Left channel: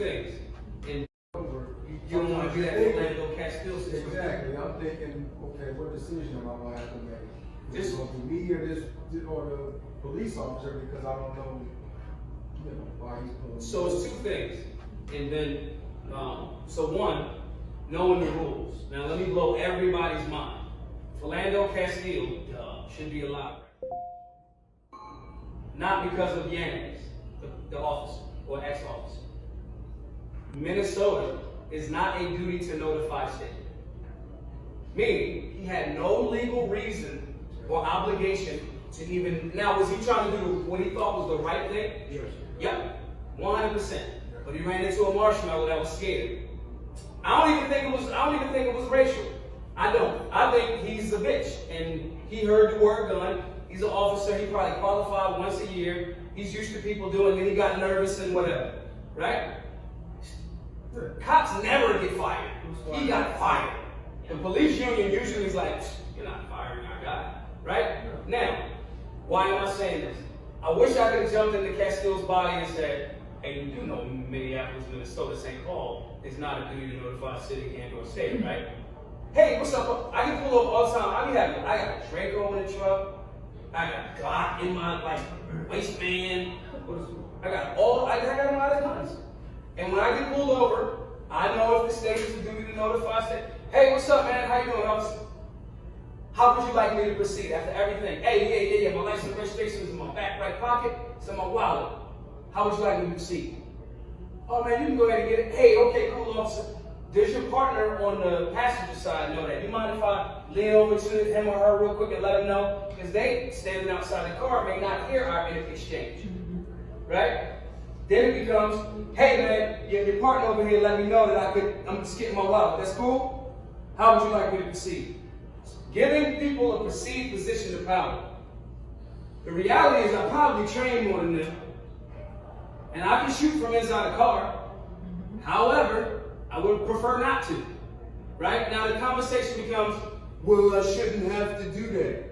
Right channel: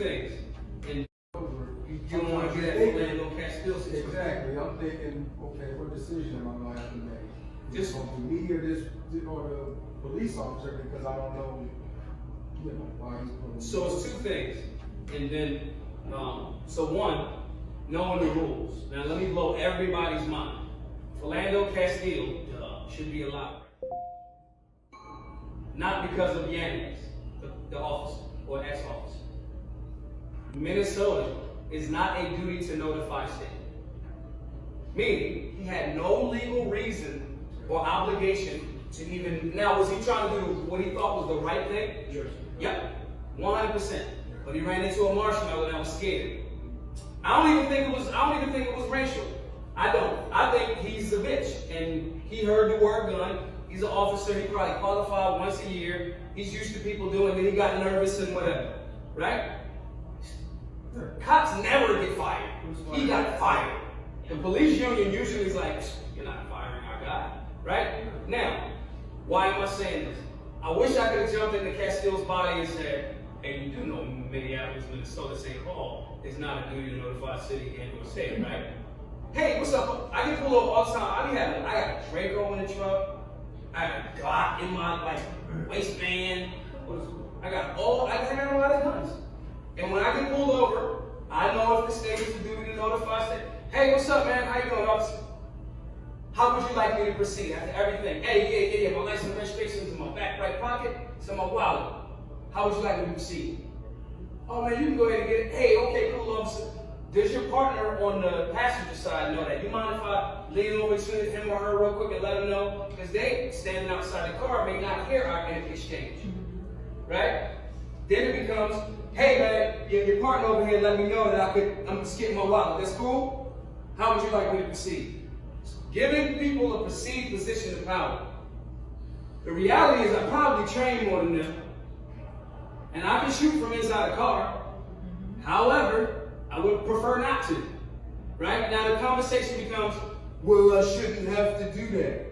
things. And you don't want to be that Philando Castle situation. Exactly. I'm thinking, okay, what decision am I going to have to make? Is it going to be me or the police officer, because I don't know, why he's pulling. So it's two things. And then, so one, knowing the rules. Now let me blow everybody's mind. Philando Castle should be allowed. Not because of Yanez, the officer or ex-officer. Minnesota is not a duty to notify state. Meaning, he had no legal reason or obligation to even, now was he trying to do what he thought was the right thing? Yes. Yep, 100%. But he ran into a marshmallow that was scared. I don't even think it was racial. I don't. I think he's a bitch. And he heard the word gun. He's an officer. He probably qualified once a year. He's used to people doing it. He got nervous and whatever. Right? Cops never get fired. He got fired. The police union usually is like, you're not firing our guy. Right? Now, why am I saying this? I wish I could have jumped into Castille's body and said, hey, you do know Minneapolis, Minnesota, St. Paul is not a duty to notify city and or state, right? Hey, what's up? I get pulled over all the time. I got Draco in the truck. I got Glock in my waistband. I got a lot of guns. And when I get pulled over, I know if the state is a duty to notify state. Hey, what's up, man? How you doing, officer? How would you like me to proceed after everything? Hey, yeah, my license and registration is in my back right pocket. It's in my wallet. How would you like me to proceed? Oh man, you can go ahead and get it. Hey, okay, cool, officer. Does your partner on the passenger side know that? You mind if I lean over to him or her real quick and let them know? Because they, standing outside the car, may not hear our exchange. Right? Then it becomes, hey man, your partner over here let me know that I'm just getting my wallet. That's cool? How would you like me to proceed? Giving people a perceived position of power. The reality is I probably train more than them. And I can shoot from inside a car. However, I would prefer not to. Right? Now the conversation becomes, well, I shouldn't have to do that.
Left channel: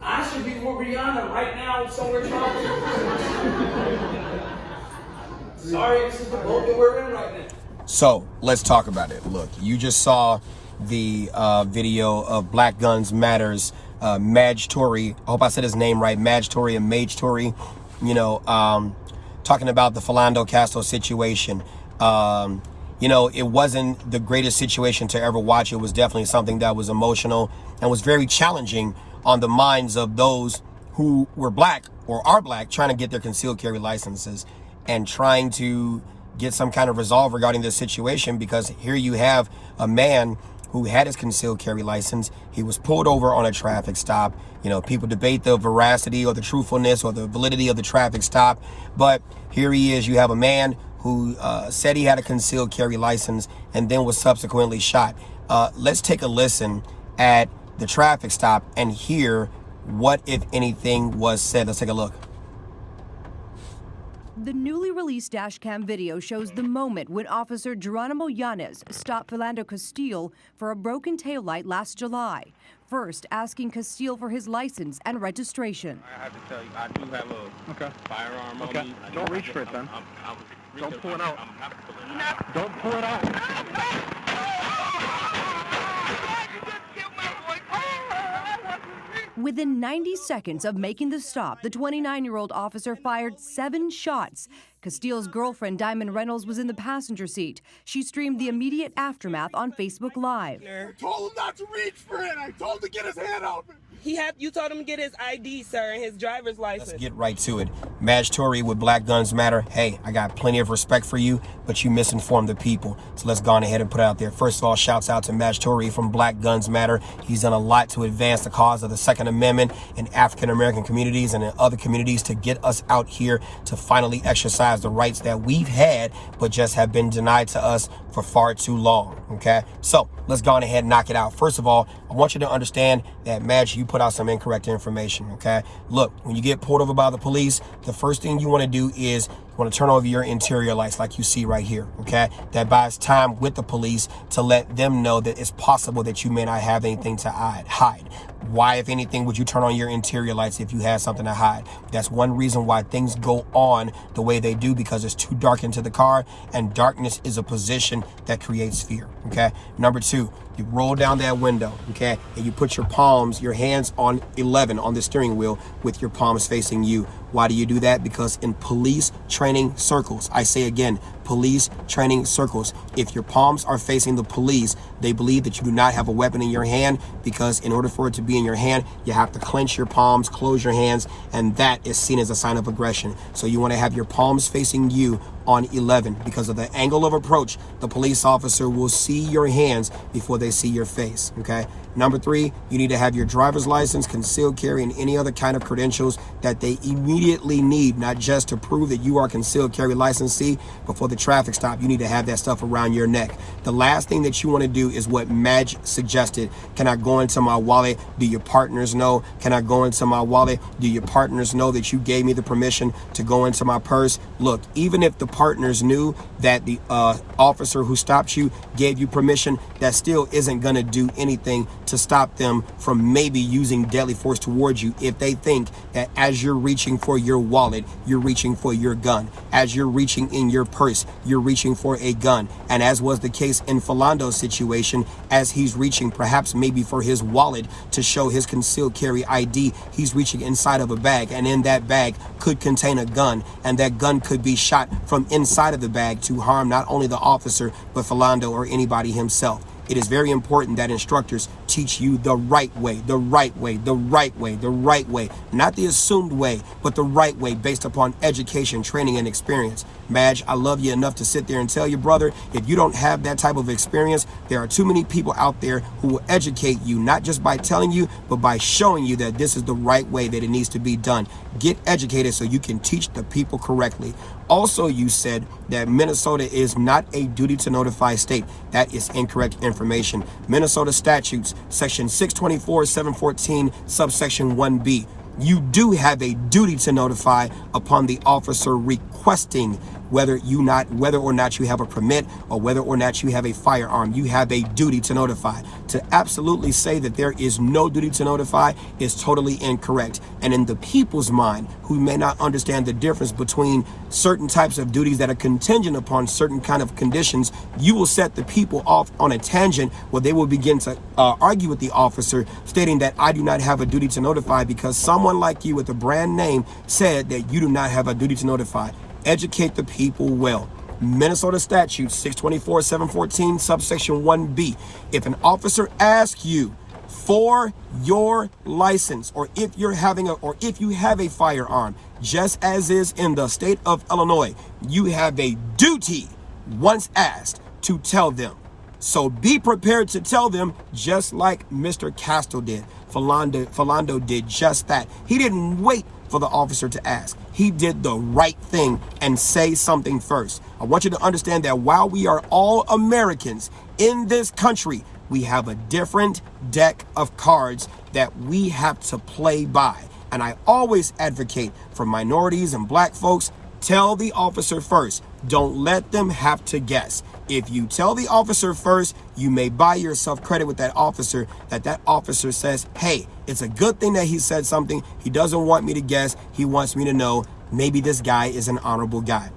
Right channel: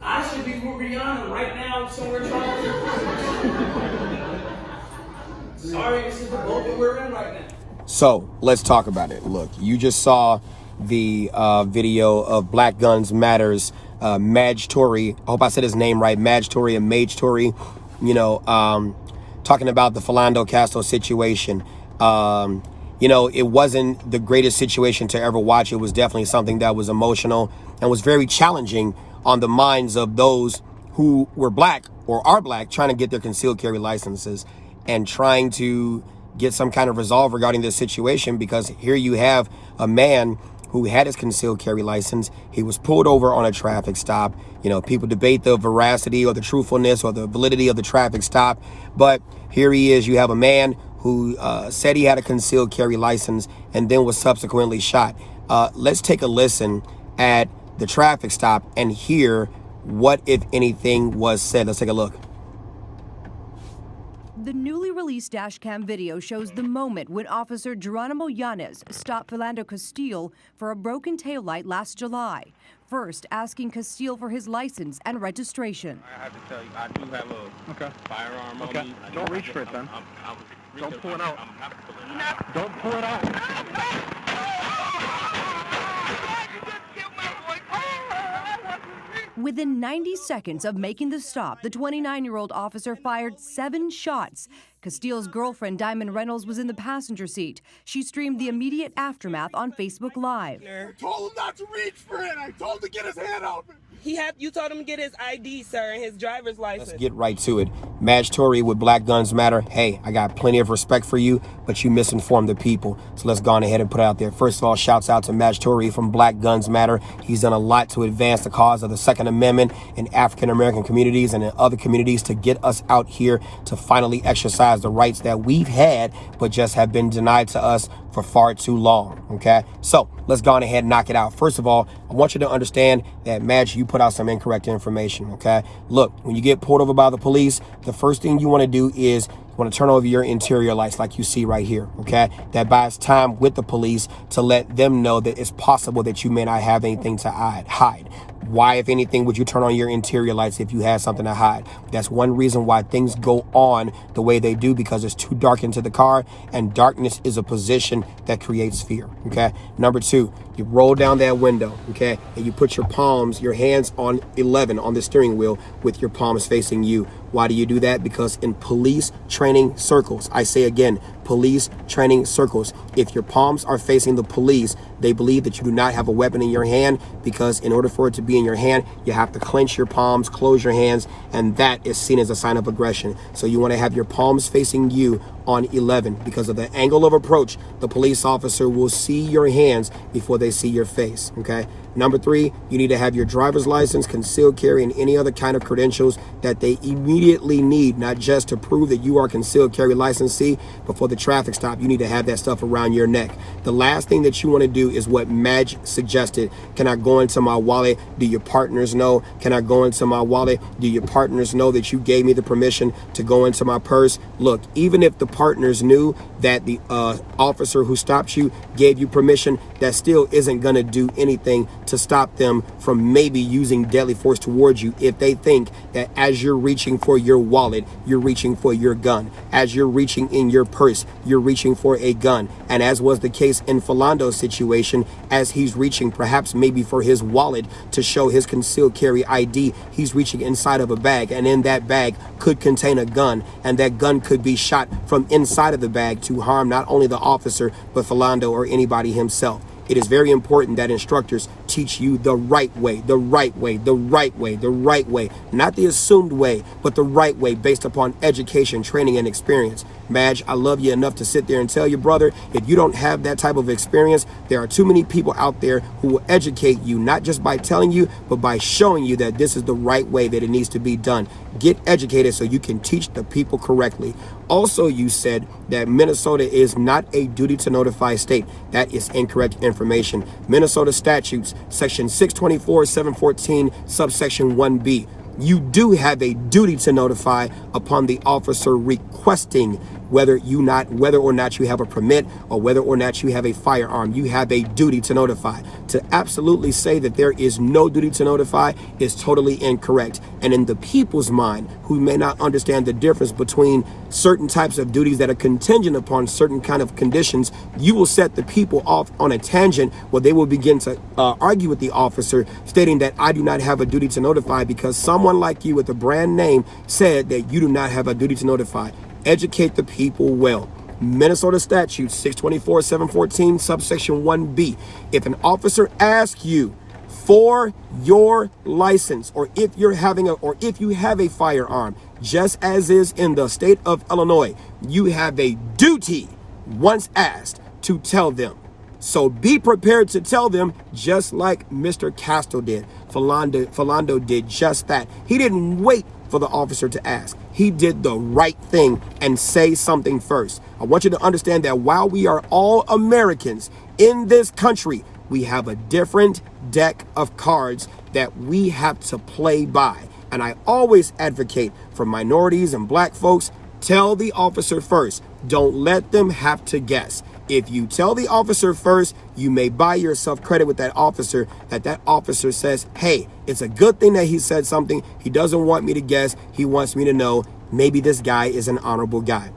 I should be with Rihanna right now somewhere trying to. Sorry, this is the boat that we're in right now. So let's talk about it. Look, you just saw the video of Black Guns Matters, Maj Toure. I hope I said his name right, Maj Toure and Maj Toure. Talking about the Philando Castle situation. It wasn't the greatest situation to ever watch. It was definitely something that was emotional and was very challenging on the minds of those who were black or are black trying to get their concealed carry licenses and trying to get some kind of resolve regarding this situation, because here you have a man who had his concealed carry license. He was pulled over on a traffic stop. People debate the veracity or the truthfulness or the validity of the traffic stop. But here he is. You have a man who said he had a concealed carry license and then was subsequently shot. Let's take a listen at the traffic stop and hear what, if anything, was said. Let's take a look. The newly released dashcam video shows the moment when Officer Geronimo Yanez stopped Philando Castle for a broken taillight last July. First, asking Castle for his license and registration. I have to tell you, I do have a firearm on me. Don't reach for it then. Don't pull it out. Don't pull it out. Within 90 seconds of making the stop, the 29-year-old officer fired 7 shots. Castille's girlfriend, Diamond Reynolds, was in the passenger seat. She streamed the immediate aftermath on Facebook Live. I told him not to reach for it. I told him to get his hand out. You told him to get his ID, sir, and his driver's license. Let's get right to it. Maj Toure with Black Guns Matter. Hey, I got plenty of respect for you, but you misinformed the people. So let's go on ahead and put it out there. First of all, shouts out to Maj Toure from Black Guns Matter. He's done a lot to advance the cause of the Second Amendment in African-American communities and in other communities to get us out here to finally exercise the rights that we've had, but just have been denied to us for far too long, okay? So let's go on ahead and knock it out. First of all, I want you to understand that, Maj, you put out some incorrect information, okay? Look, when you get pulled over by the police, the first thing you want to do is you want to turn over your interior lights like you see right here, okay? That buys time with the police to let them know that it's possible that you may not have anything to hide. Why, if anything, would you turn on your interior lights if you had something to hide? That's one reason why things go on the way they do, because it's too dark into the car, and darkness is a position that creates fear, okay? Number two, you roll down that window, okay? And you put your palms, your hands on 11 on the steering wheel with your palms facing you. Why do you do that? Because in police training circles, I say again, police training circles, if your palms are facing the police, they believe that you do not have a weapon in your hand, because in order for it to be in your hand, you have to clench your palms, close your hands, and that is seen as a sign of aggression. So you want to have your palms facing you on 11, because of the angle of approach. The police officer will see your hands before they see your face, okay? Number three, you need to have your driver's license, concealed carry, and any other kind of credentials that they immediately need, not just to prove that you are concealed carry licensee, but for the traffic stop, you need to have that stuff around your neck. The last thing that you want to do is what Madge suggested. Can I go into my wallet? Do your partners know? Can I go into my wallet? Do your partners know that you gave me the permission to go into my purse? Look, even if the partners knew that the officer who stopped you gave you permission, that still isn't going to do anything to stop them from maybe using deadly force towards you if they think that as you're reaching for your wallet, you're reaching for your gun. As you're reaching in your purse, you're reaching for a gun. And as was the case in Philando's situation, as he's reaching perhaps maybe for his wallet to show his concealed carry ID, he's reaching inside of a bag, and in that bag could contain a gun, and that gun could be shot from inside of the bag to harm not only the officer, but Philando or anybody himself. It is very important that instructors teach you the right way, the right way, the right way, the right way, not the assumed way, but the right way based upon education, training, and experience. Madge, I love you enough to sit there and tell you, brother, if you don't have that type of experience, there are too many people out there who will educate you, not just by telling you, but by showing you that this is the right way that it needs to be done. Get educated so you can teach the people correctly. Also, you said that Minnesota is not a duty to notify state. That is incorrect information. Minnesota statutes, section 624, 714, subsection 1B. You do have a duty to notify upon the officer requesting, whether or not you have a permit or whether or not you have a firearm. You have a duty to notify. To absolutely say that there is no duty to notify is totally incorrect. And in the people's mind, who may not understand the difference between certain types of duties that are contingent upon certain kind of conditions, you will set the people off on a tangent where they will begin to argue with the officer, stating that I do not have a duty to notify because someone like you with a brand name said that you do not have a duty to notify. Educate the people well. Minnesota statute 624, 714, subsection 1B. If an officer asks you for your license, or if you have a firearm, just as is in the state of Illinois, you have a duty, once asked, to tell them. So be prepared to tell them, just like Mr. Castle did. Philando did just that. He didn't wait for the officer to ask. He did the right thing and say something first. I want you to understand that while we are all Americans in this country, we have a different deck of cards that we have to play by. And I always advocate for minorities and black folks, tell the officer first. Don't let them have to guess. If you tell the officer first, you may buy yourself credit with that officer, that officer says, hey, it's a good thing that he said something. He doesn't want me to guess. He wants me to know maybe this guy is an honorable guy.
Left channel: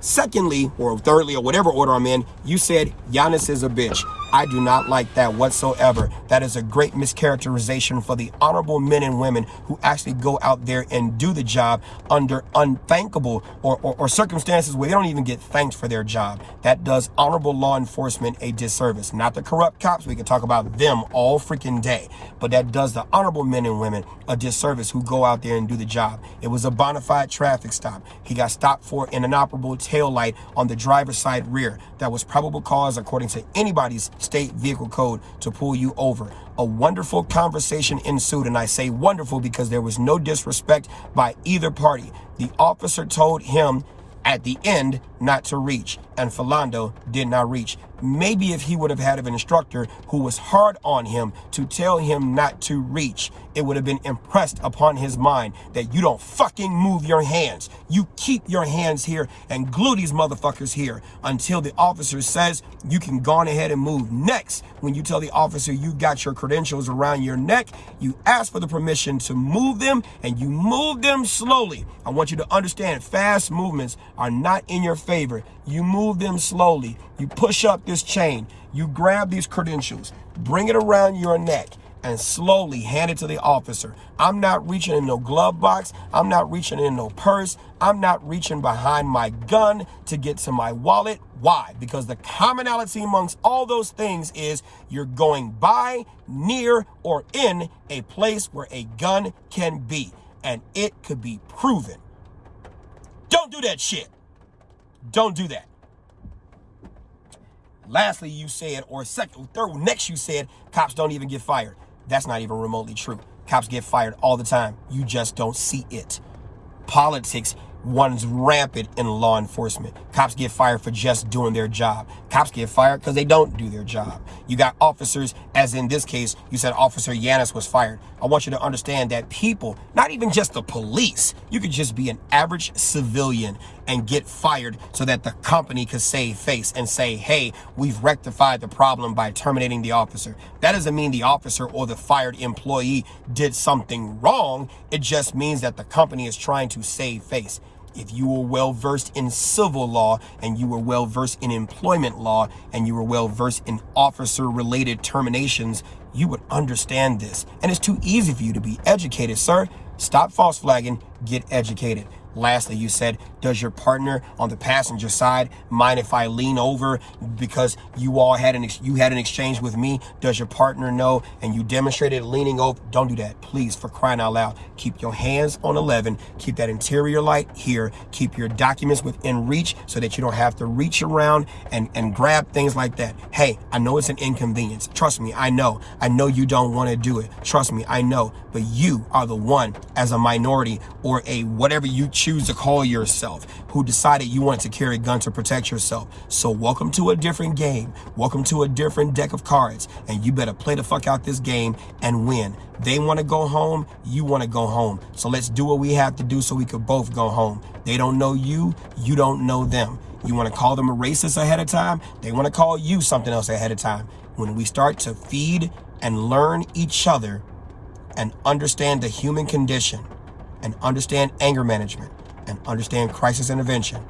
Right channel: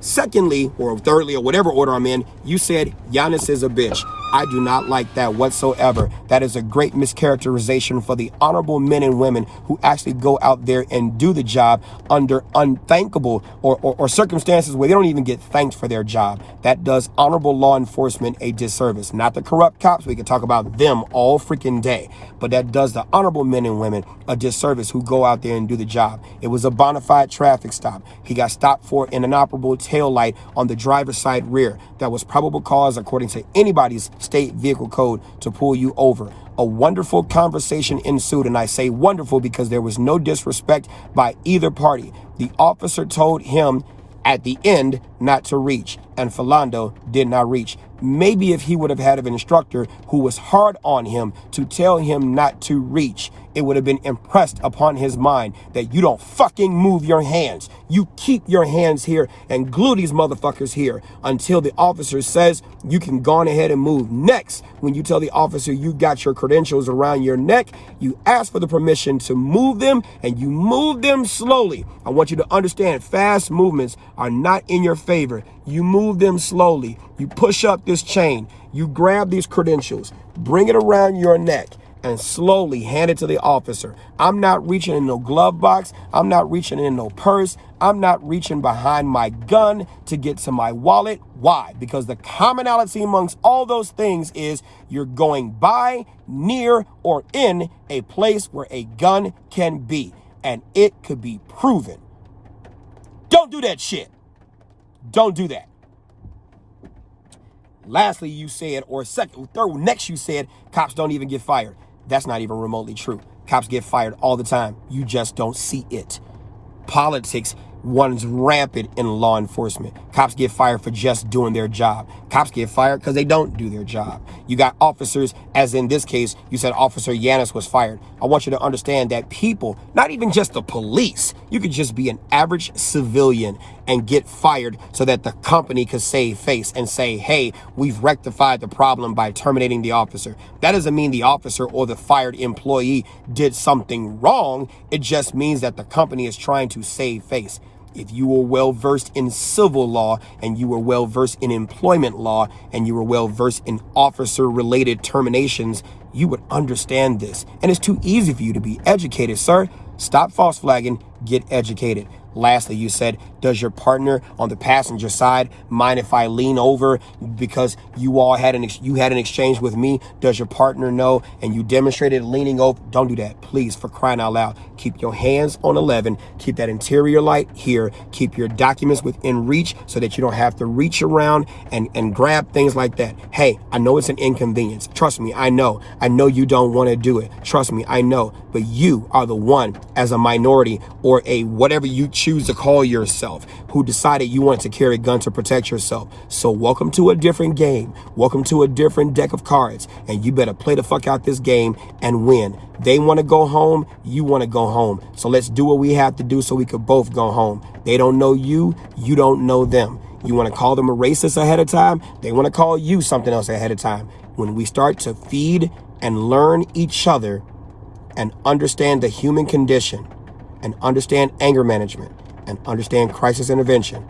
Secondly, or thirdly, or whatever order I'm in, you said Giannis is a bitch. I do not like that whatsoever. That is a great mischaracterization for the honorable men and women who actually go out there and do the job under unthankable or circumstances where they don't even get thanked for their job. That does honorable law enforcement a disservice. Not the corrupt cops. We can talk about them all freaking day. But that does the honorable men and women a disservice who go out there and do the job. It was a bona fide traffic stop. He got stopped for an inoperable tail light on the driver's side rear. That was probable cause, according to anybody's state vehicle code, to pull you over. A wonderful conversation ensued, and I say wonderful because there was no disrespect by either party. The officer told him at the end not to reach, and Philando did not reach. maybe if he would have had an instructor who was hard on him to tell him not to reach, it would have been impressed upon his mind that you don't fucking move your hands. You keep your hands here and glue these motherfuckers here until the officer says you can go on ahead and move. Next, when you tell the officer you got your credentials around your neck, you ask for the permission to move them, and you move them slowly. I want you to understand, fast movements are not in your favor. You move them slowly. You push up this chain. You grab these credentials, bring it around your neck, and slowly hand it to the officer. I'm not reaching in no glove box. I'm not reaching in no purse. I'm not reaching behind my gun to get to my wallet. Why? Because the commonality amongst all those things is you're going by, near, or in a place where a gun can be, and it could be proven. Don't do that shit. Don't do that. Lastly, you said, next you said, cops don't even get fired. That's not even remotely true. Cops get fired all the time. You just don't see it. Politics runs rampant in law enforcement. Cops get fired for just doing their job. Cops get fired because they don't do their job. You got officers, as in this case, you said Officer Yanis was fired. I want you to understand that people, not even just the police, you could just be an average civilian and get fired so that the company could save face and say, hey, we've rectified the problem by terminating the officer. That doesn't mean the officer or the fired employee did something wrong. It just means that the company is trying to save face. If you were well-versed in civil law and you were well-versed in employment law and you were well-versed in officer-related terminations, you would understand this. And it's too easy for you to be educated, sir. Stop false flagging, get educated. Lastly, you said, does your partner on the passenger side mind if I lean over because you all had an exchange with me? Does your partner know? And you demonstrated leaning over. Don't do that, please, for crying out loud. Keep your hands on 11. Keep that interior light here. Keep your documents within reach so that you don't have to reach around and grab things like that. Hey, I know it's an inconvenience. Trust me, I know. I know you don't want to do it. Trust me, I know. But you are the one, as a minority or a whatever you choose to call yourself, who decided you wanted to carry a gun to protect yourself. So welcome to a different game. Welcome to a different deck of cards. And you better play the fuck out this game and win. They want to go home. You want to go home. So let's do what we have to do so we could both go home. They don't know you. You don't know them. You want to call them a racist ahead of time. They want to call you something else ahead of time. When we start to feed and learn each other and understand the human condition and understand anger management and understand crisis intervention,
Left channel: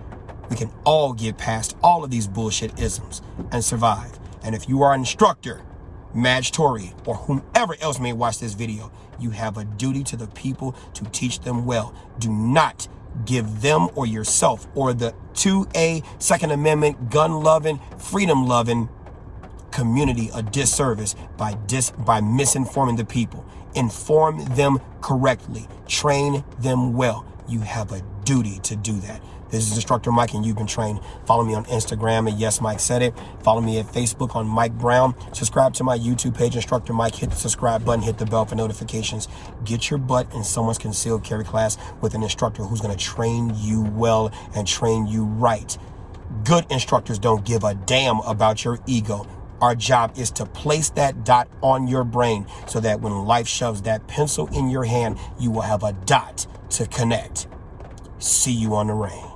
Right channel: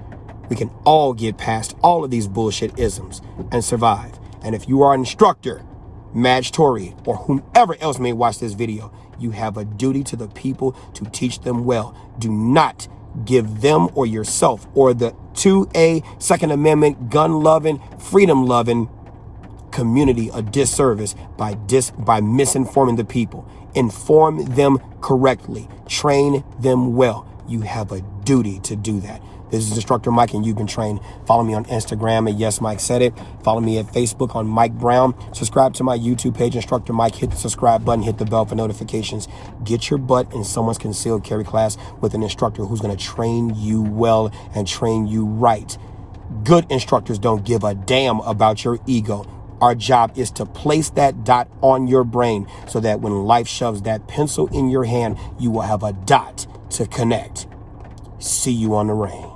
we can all get past all of these bullshit isms and survive. And if you are an instructor, Madge Toure, or whomever else may watch this video, you have a duty to the people to teach them well. Do not give them or yourself or the 2A Second Amendment gun-loving, freedom-loving community a disservice by misinforming the people. Inform them correctly. Train them well. You have a duty to do that. This is Instructor Mike, and you've been trained. Follow me on Instagram at Yes Mike Said It. Follow me at Facebook on Mike Brown. Subscribe to my YouTube page, Instructor Mike. Hit the subscribe button, hit the bell for notifications. Get your butt in someone's concealed carry class with an instructor who's going to train you well and train you right. Good instructors don't give a damn about your ego. Our job is to place that dot on your brain so that when life shoves that pencil in your hand, you will have a dot to connect. See you on the range.